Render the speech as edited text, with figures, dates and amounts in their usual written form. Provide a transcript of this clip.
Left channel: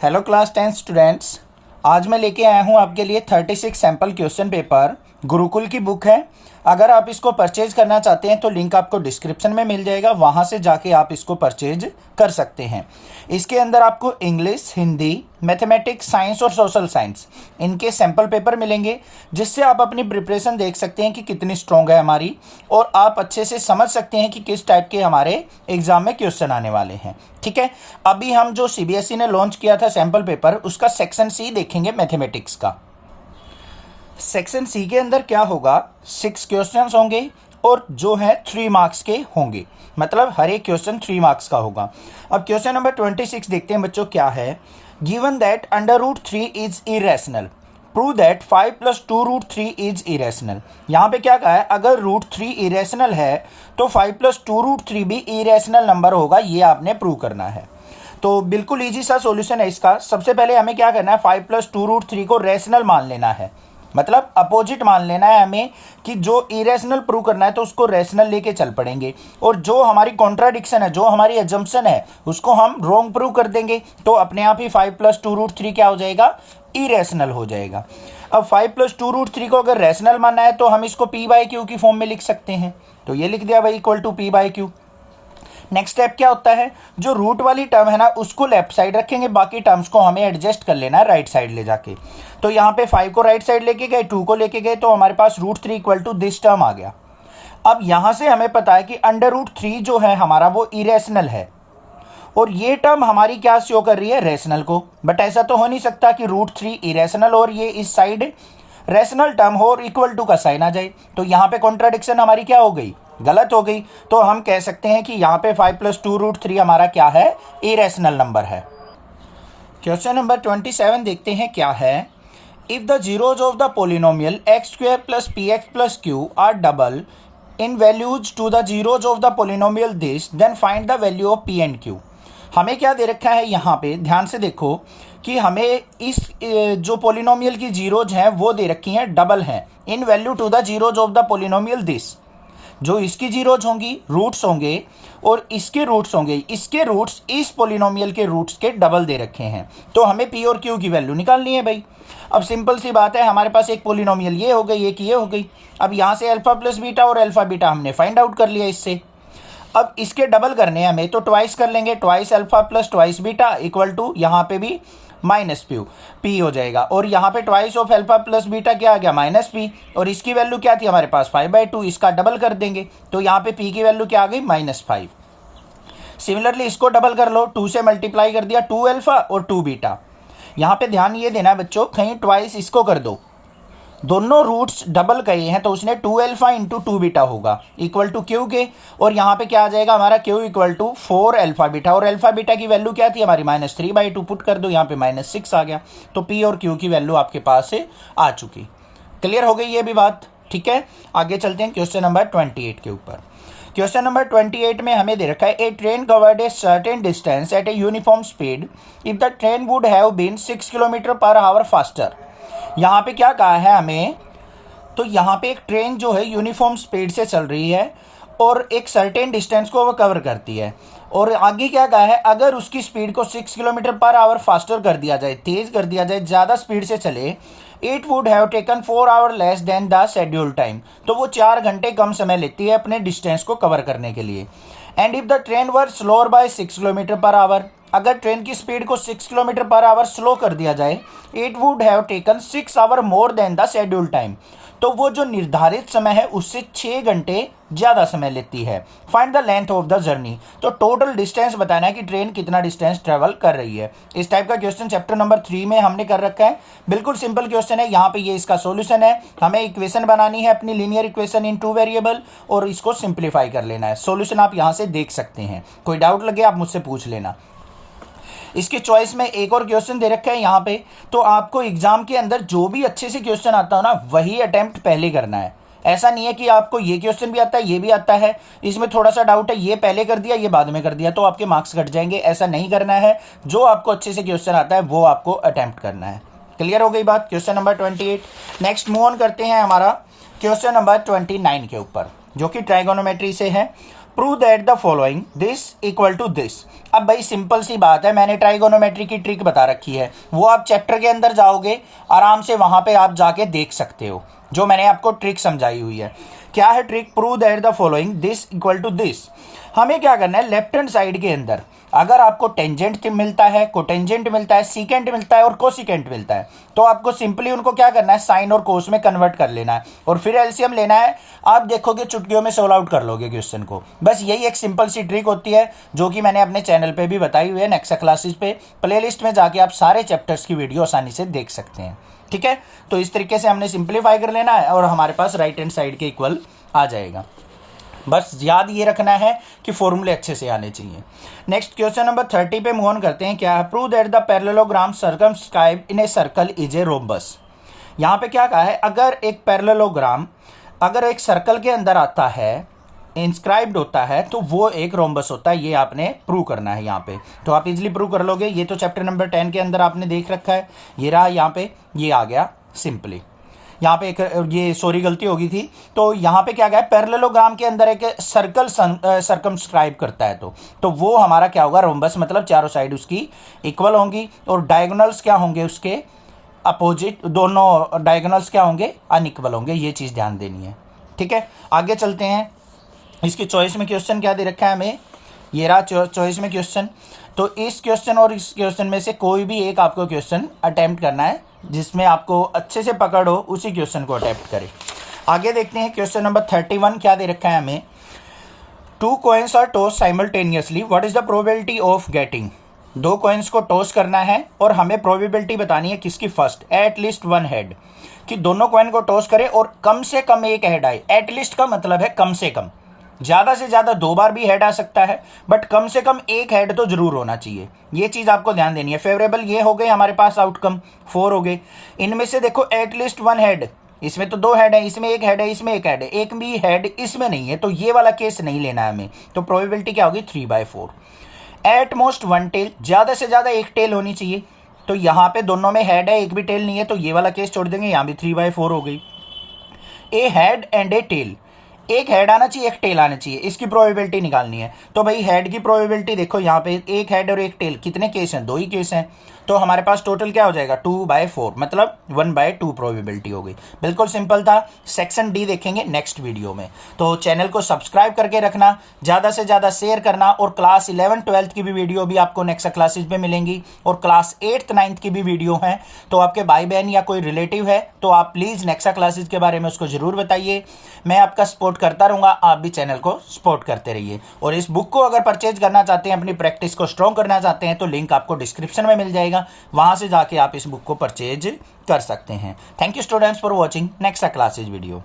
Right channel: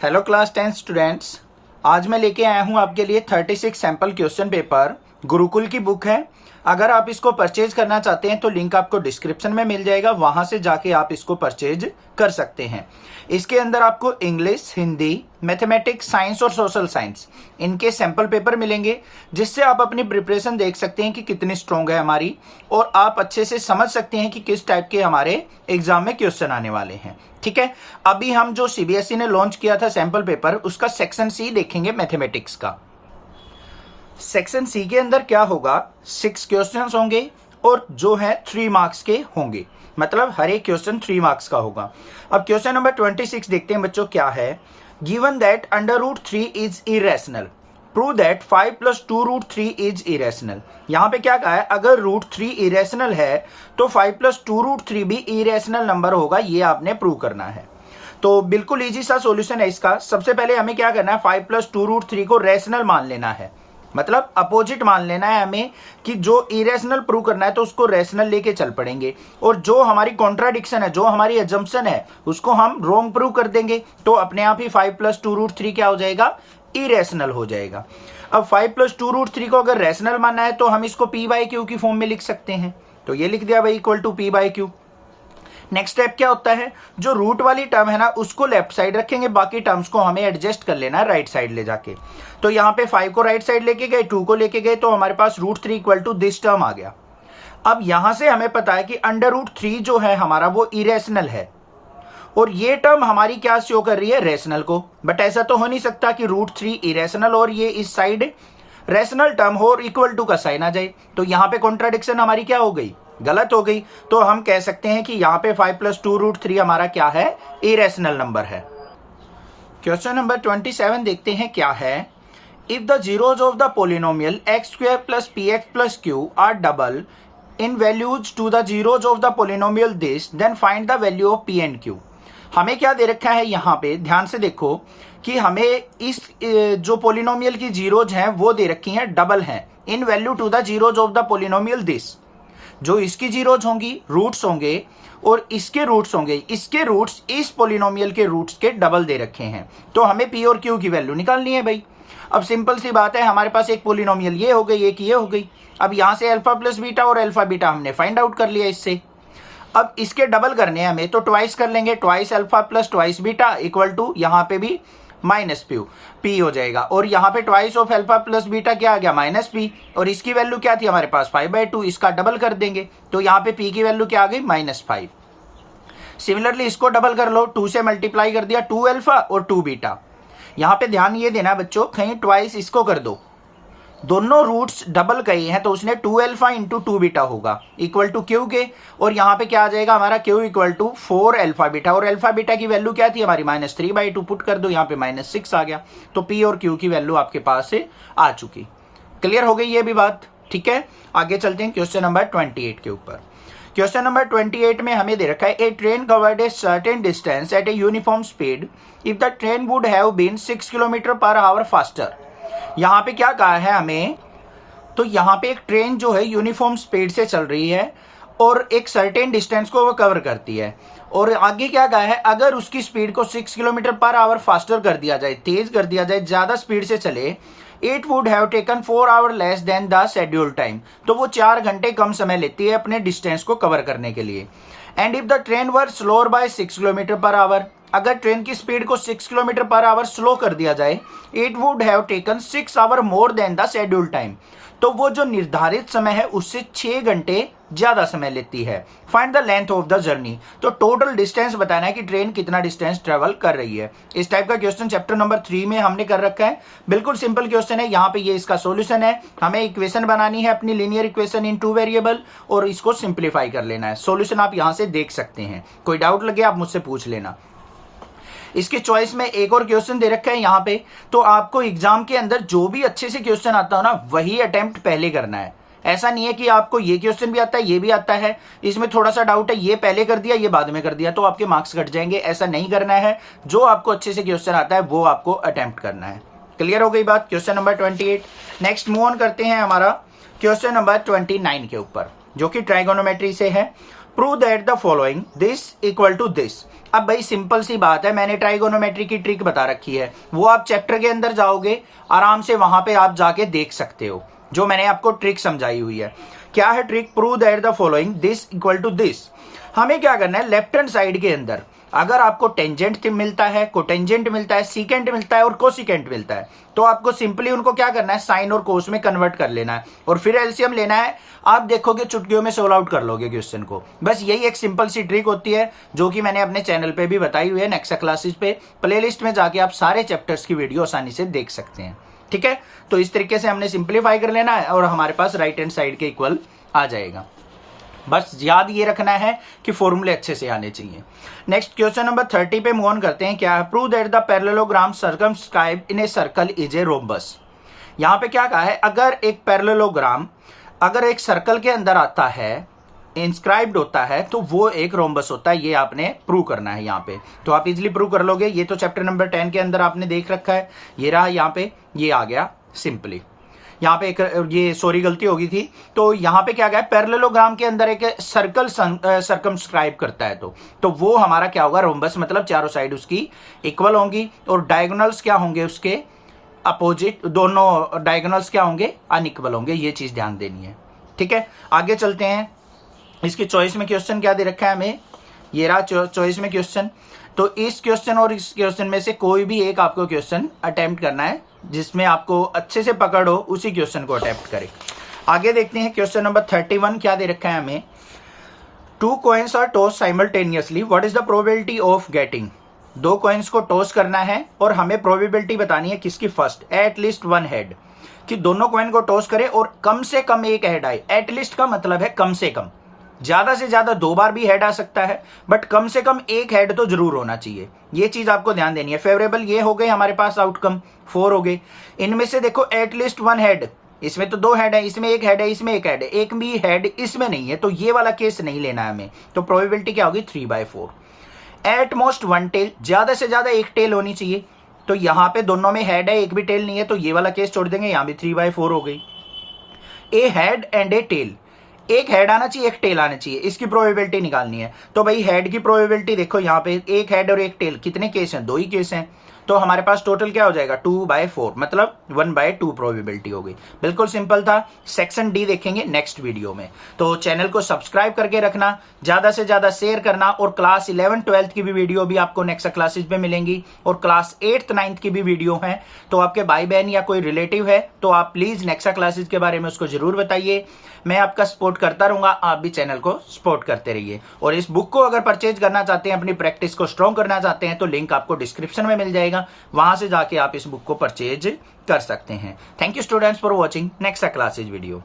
Hello class 10 students. आज मैं लेके आया हूँ आपके लिए 36 सैम्पल क्वेश्चन पेपर। गुरुकुल की बुक है। अगर आप इसको परचेज करना चाहते हैं तो लिंक आपको डिस्क्रिप्शन में मिल जाएगा, वहां से जाके आप इसको परचेज कर सकते हैं। इसके अंदर आपको इंग्लिश, हिंदी, मैथमेटिक्स, साइंस और सोशल साइंस इनके सैंपल पेपर मिलेंगे, जिससे आप अपनी प्रिपरेशन देख सकते हैं कि कितनी स्ट्रांग है हमारी, और आप अच्छे से समझ सकते हैं कि किस टाइप के हमारे एग्जाम में क्वेश्चन आने वाले हैं। ठीक है, अभी हम जो सीबीएसई ने लॉन्च किया था सैंपल पेपर, उसका सेक्शन सी देखेंगे मैथमेटिक्स का। सेक्शन सी के अंदर क्या होगा, 6 क्वेश्चंस होंगे और जो है 3 मार्क्स के होंगे, मतलब हर एक क्वेश्चन 3 मार्क्स का होगा। अब क्वेश्चन नंबर 26 देखते हैं बच्चों, क्या है। Given that √3 is irrational, prove that 5 + 2√3 is irrational. यहाँ पे क्या कहा है, अगर √3 इरेशनल है तो 5 + 2√3 भी इरेशनल नंबर होगा, ये आपने प्रूव करना है। तो बिल्कुल इजी सा सॉल्यूशन है इसका। सबसे पहले हमें क्या करना है, 5 + 2√3 को रेशनल मान लेना है, मतलब अपोजिट मान लेना है हमें, कि जो इरेशनल प्रूव करना है तो उसको रेशनल लेके चल पड़ेंगे, और जो हमारी कॉन्ट्राडिक्शन है, जो हमारी अजम्पशन है, उसको हम रॉन्ग प्रूव कर देंगे, तो अपने आप ही 5 + 2√3 क्या हो जाएगा, इरेशनल हो जाएगा। अब 5 + 2√3 को अगर रेशनल मानना है तो हम इसको p/q की फॉर्म में लिख सकते हैं, तो ये लिख दिया भाई equal to p/q। Next step क्या होता है, जो रूट वाली टर्म है ना उसको लेफ्ट साइड रखेंगे, बाकी टर्म्स को हमें एडजस्ट कर लेना है राइट साइड ले जाके। तो यहाँ पे 5 को राइट साइड लेके गए, 2 को लेके गए, तो हमारे पास √3 इक्वल टू दिस टर्म आ गया। अब यहां से हमें पता है कि √3 जो है हमारा वो इरेशनल है, और ये टर्म हमारी क्या शो कर रही है, रेशनल को। बट ऐसा तो हो नहीं सकता कि √3 इरेशनल और ये इस साइड रेशनल टर्म हो और इक्वल टू का साइन आ जाए, तो यहाँ पे कॉन्ट्राडिक्शन हमारी क्या हो गई, गलत हो गई। तो हम कह सकते हैं कि यहाँ पे 5 + 2√3 हमारा क्या है, इरेशनल नंबर है। क्वेश्चन नंबर 27 देखते हैं क्या है। If the zeros of the polynomial x² + px + q are double in values to the zeros of the polynomial this, then find the value of p and q। हमें क्या दे रखा है, यहाँ पे ध्यान से देखो कि हमें इस जो पोलिनोमियल की जीरोज हैं वो दे रखी हैं, डबल हैं, in value to the zeros of the polynomial this. जो इसकी जीरोज होंगी, रूट्स होंगे, और इसके रूट्स होंगे, इसके रूट्स इस पोलिनोमियल के रूट्स के डबल दे रखे हैं, तो हमें पी और क्यू की वैल्यू निकालनी है भाई। अब सिंपल सी बात है, हमारे पास एक पोलिनोमियल ये हो गई, एक ये हो गई। अब यहां से अल्फा प्लस बीटा और अल्फा बीटा हमने फाइंड आउट कर लिया इससे। अब इसके डबल करने हैं हमें, तो ट्वाइस कर लेंगे, twice alpha plus twice beta equal to यहाँ पे भी -p p हो जाएगा, और यहाँ पे twice of alpha plus beta क्या आ गया, -p, और इसकी वैल्यू क्या थी हमारे पास 5/2, इसका डबल कर देंगे तो यहाँ पे p की वैल्यू क्या आ गई, -5। सिमिलरली इसको डबल कर लो, 2 से मल्टीप्लाई कर दिया, 2 अल्फा और 2 बीटा। यहाँ पे ध्यान ये देना बच्चों, कहीं ट्वाइस इसको कर दो, दोनों रूट्स डबल कहे हैं तो उसने 2 अल्फा × 2 बीटा होगा इक्वल टू क्यू के, और यहाँ पे क्या आ जाएगा हमारा Q equal to 4 alpha beta, और अल्फा बीटा की वैल्यू क्या थी हमारी, -3/2, पुट कर दो यहाँ पे -6 आ गया, तो पी और क्यू की वैल्यू आपके पास से आ चुकी। क्लियर हो गई ये भी बात, ठीक है। आगे चलते हैं क्वेश्चन नंबर 28 के ऊपर। क्वेश्चन नंबर 28 में हमें दे रखा है, a train covered a certain distance at a uniform speed if the train would have been 6 km/h faster. यहाँ पे क्या कहा है हमें, तो यहाँ पे एक ट्रेन जो है यूनिफॉर्म स्पीड से चल रही है और एक सर्टेन डिस्टेंस को वो कवर करती है, और आगे क्या कहा है, अगर उसकी स्पीड को 6 km/h फास्टर कर दिया जाए, तेज कर दिया जाए, ज्यादा स्पीड से चले, it would have taken 4 hours less than the schedule time, तो वो 4 घंटे कम समय लेती है अपने डिस्टेंस को कवर करने के लिए। And if the train were slower by 6 km/h, अगर ट्रेन की स्पीड को 6 km/h स्लो कर दिया जाए, it would have taken 6 hours more than the schedule time, तो वो जो निर्धारित समय है उससे 6 घंटे ज्यादा समय लेती है। Find the length of the journey, तो टोटल डिस्टेंस बताना है कि ट्रेन कितना डिस्टेंस ट्रेवल कर रही है। इस टाइप का क्वेश्चन चैप्टर नंबर 3 में हमने कर रखा है, बिल्कुल सिंपल क्वेश्चन है। यहाँ पे ये इसका सॉल्यूशन है, हमें इक्वेशन बनानी है अपनी लीनियर इक्वेशन इन 2 वेरिएबल, और इसको सिंप्लीफाई कर लेना है। सॉल्यूशन आप यहाँ से देख सकते हैं, कोई डाउट लगे आप मुझसे पूछ लेना। इसकी चॉइस में एक और क्वेश्चन दे रखा है यहाँ पे, तो आपको एग्जाम के अंदर जो भी अच्छे से क्वेश्चन आता हो ना, वही अटेम्प्ट पहले करना है। ऐसा नहीं है कि आपको ये क्वेश्चन भी आता है, ये भी आता है, इसमें थोड़ा सा डाउट है, ये पहले कर दिया, ये बाद में कर दिया, तो आपके मार्क्स घट जाएंगे। ऐसा नहीं करना है, जो आपको अच्छे से क्वेश्चन आता है वो आपको अटेम्प्ट करना है। क्लियर हो गई बात, question number 28। Next move on करते हैं हमारा क्वेश्चन नंबर 29 के ऊपर, जो कि ट्राइगोनोमेट्री से है। Prove that the following this equal to this. अब भाई सिंपल सी बात है, मैंने ट्राइगोनोमेट्री की ट्रिक बता रखी है, वो आप चैप्टर के अंदर जाओगे आराम से वहां पे आप जाके देख सकते हो, जो मैंने आपको ट्रिक समझाई हुई है। क्या है trick? Prove that the following this equal to this. हमें क्या करना है, लेफ्ट हैंड साइड के अंदर अगर आपको टेंजेंट मिलता है, कोटेंजेंट मिलता है, सीकेंट मिलता है और कोसिकेंट मिलता है, तो आपको सिंपली उनको क्या करना है, साइन और कोस में कन्वर्ट कर लेना है और फिर एलसीएम लेना है। आप देखोगे चुटकियों में सोल्व आउट कर लोगे क्वेश्चन को। बस यही एक सिंपल सी ट्रिक होती है जो कि मैंने अपने चैनल पे भी बताई हुई है, नेक्सा क्लासेस पे प्लेलिस्ट में जाके आप सारे चैप्टर्स की वीडियो आसानी से देख सकते हैं। ठीक है, तो इस तरीके से हमने सिंप्लीफाई कर लेना है और हमारे पास राइट हैंड साइड के इक्वल आ जाएगा। बस याद ये रखना है कि फॉर्मूले अच्छे से आने चाहिए। नेक्स्ट क्वेश्चन नंबर 30 पे मूव ऑन करते हैं। क्या है? Prove that the parallelogram circumscribe in a circle is a rhombus. यहां पे क्या कहा है, अगर एक पैरेललोग्राम अगर एक सर्कल के अंदर आता है, इंस्क्राइब्ड होता है, तो वो एक रोम्बस होता है। ये आपने प्रूव करना है यहाँ पे, तो आप इजिली प्रूव कर लोगे। ये तो चैप्टर नंबर 10 के अंदर आपने देख रखा है, ये रहा यहाँ पे, ये आ गया सिंपली। यहाँ पे एक ये सॉरी गलती हो गई थी, तो यहाँ पे क्या गया, पैरेललोग्राम के अंदर एक सर्कल सर्कमस्क्राइब करता है, तो वो हमारा क्या होगा, रोम्बस। मतलब चारों साइड उसकी इक्वल होंगी और डायगोनल्स क्या होंगे उसके अपोजिट, दोनों डायगोनल्स क्या होंगे, अनइक्वल होंगे। ये चीज ध्यान देनी है। ठीक है, आगे चलते हैं। इसकी चॉइस में क्वेश्चन क्या दे रखा है हमें, ये रहा चॉइस में क्वेश्चन। तो इस क्वेश्चन और इस क्वेश्चन में से कोई भी एक आपको क्वेश्चन अटेम्प्ट करना है, जिसमें आपको अच्छे से पकड़ हो, उसी क्वेश्चन को अटेम्प्ट करें। आगे देखते हैं क्वेश्चन नंबर 31 क्या दे रखा है हमें। 2 coins are toss simultaneously, what is the probability of getting. 2 coins को टॉस करना है और हमें प्रोबेबिलिटी बतानी है किसकी, फर्स्ट एटलीस्ट 1 हेड, कि दोनों कॉइन को टॉस करें और कम से कम एक हेड आए। एटलीस्ट का मतलब है कम से कम, ज्यादा से ज्यादा 2 बार भी हेड आ सकता है, बट कम से कम एक हेड तो जरूर होना चाहिए। ये चीज आपको ध्यान देनी है। फेवरेबल ये हो गए हमारे पास, आउटकम 4 हो गए। इनमें से देखो एटलीस्ट 1 हेड, इसमें तो 2 हेड है, इसमें 1 हेड है, इसमें 1 हेड है, एक भी हेड इसमें नहीं है, तो ये वाला केस नहीं लेना है हमें। तो प्रोबेबिलिटी क्या होगी, 3/4। एट मोस्ट 1 टेल, ज्यादा से ज्यादा एक टेल होनी चाहिए, तो यहां पे दोनों में हेड है, एक भी टेल नहीं है, तो ये वाला केस छोड़ देंगे, यहां भी 3/4 हो गई। ए हेड एंड ए टेल, एक हेड आना चाहिए, एक टेल आना चाहिए, इसकी प्रोबेबिलिटी निकालनी है। तो भाई हेड की प्रोबेबिलिटी देखो, यहाँ पे एक हेड और एक टेल, कितने केस हैं, 2 ही केस हैं, तो हमारे पास टोटल क्या हो जाएगा, 2/4, मतलब 1/2 प्रोबेबिलिटी हो गई। बिल्कुल सिंपल था। सेक्शन डी देखेंगे नेक्स्ट वीडियो में। तो चैनल को सब्सक्राइब करके रखना, ज्यादा से ज्यादा शेयर करना, और क्लास 11 12 की भी वीडियो भी आपको नेक्स्ट क्लासेस में मिलेंगी, और क्लास 8th 9th की भी वीडियो है। तो आपके भाई बहन या कोई रिलेटिव है तो आप प्लीज नेक्स्ट क्लासेस के बारे में उसको जरूर बताइए। मैं आपका सपोर्ट करता रहूंगा, आप भी चैनल को सपोर्ट करते रहिए। और इस बुक को अगर परचेज करना चाहते हैं, अपनी प्रैक्टिस को स्ट्रॉन्ग करना चाहते हैं, तो लिंक आपको डिस्क्रिप्शन में मिल जाएगा, वहां से जाके आप इस बुक को परचेज कर सकते हैं। Thank you students for watching next classes video.